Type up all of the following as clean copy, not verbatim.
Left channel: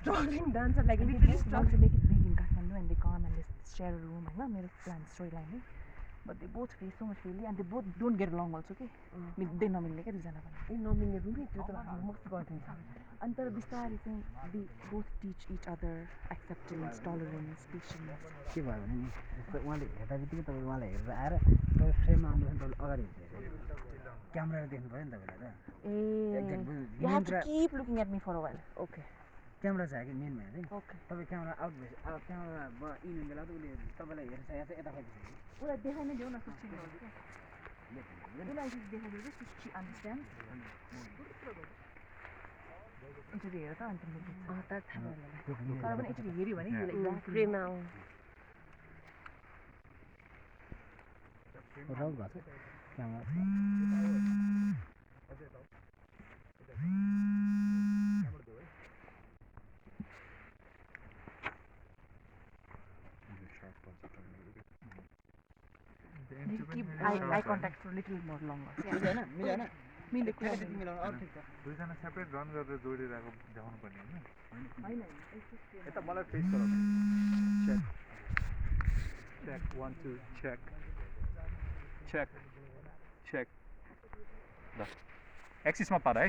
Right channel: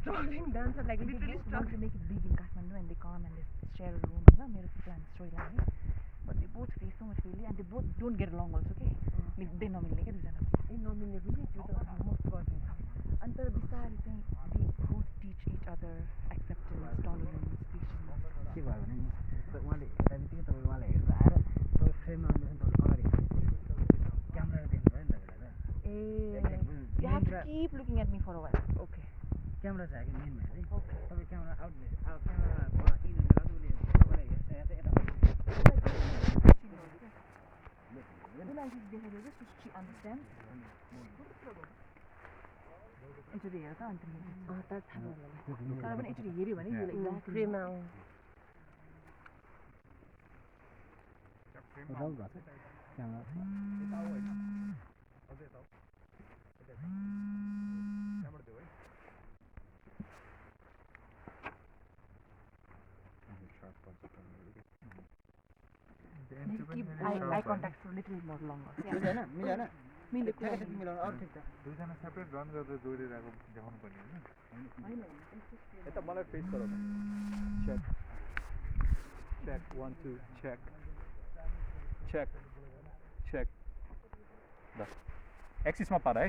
struggling dancer, like literally struggling to make it big in Kathmandu, and they come and they share a room. I know plan storyline, but they both face so much failure, and they both don't get along also. Okay, they nominate के दुईजना ए नमिल्ने room त्यो त most गरिदिन्छ. अनि तर बिस्तारै चाहिँ they both teach each other acceptance, tolerance, patience. के भयो भने नि उहाँले हेर्दा बित्तिकै तपाईँ उहाँलाई हेरेर आएर तपाईँ फ्रेममा आउनुभयो तपाईँले अगाडि क्यामेरा देख्नु भयो नि तपाईँलाई त You have to keep looking at me for a while. Okay. Camera छ कि मेन भयो है Okay. तपाईँ क्यामेरा आउट भएपछि क्यामेराबाट इन हुने बेला त उसले तपाईँलाई हेर्छ या चाहिँ यतापट्टि she understands. Actually, हेर्छ अन्त त थाहा भयो तर पनि actually हेर्यो भने exactly फ्रेममा रङ भएको छ camera keep eye contact for a little more longer. मिलेन मिलेन मिले कुरादेखि मिलाउनु अरू ठिक छ दुईजना सेपरेट रन गरेर जोडिरहेको देखाउनु पर्ने होइन यता मलाई फेस गराउनु check check 1 2 check check check ल एक्सिसमा पार है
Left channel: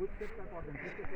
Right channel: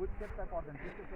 Footsteps are important.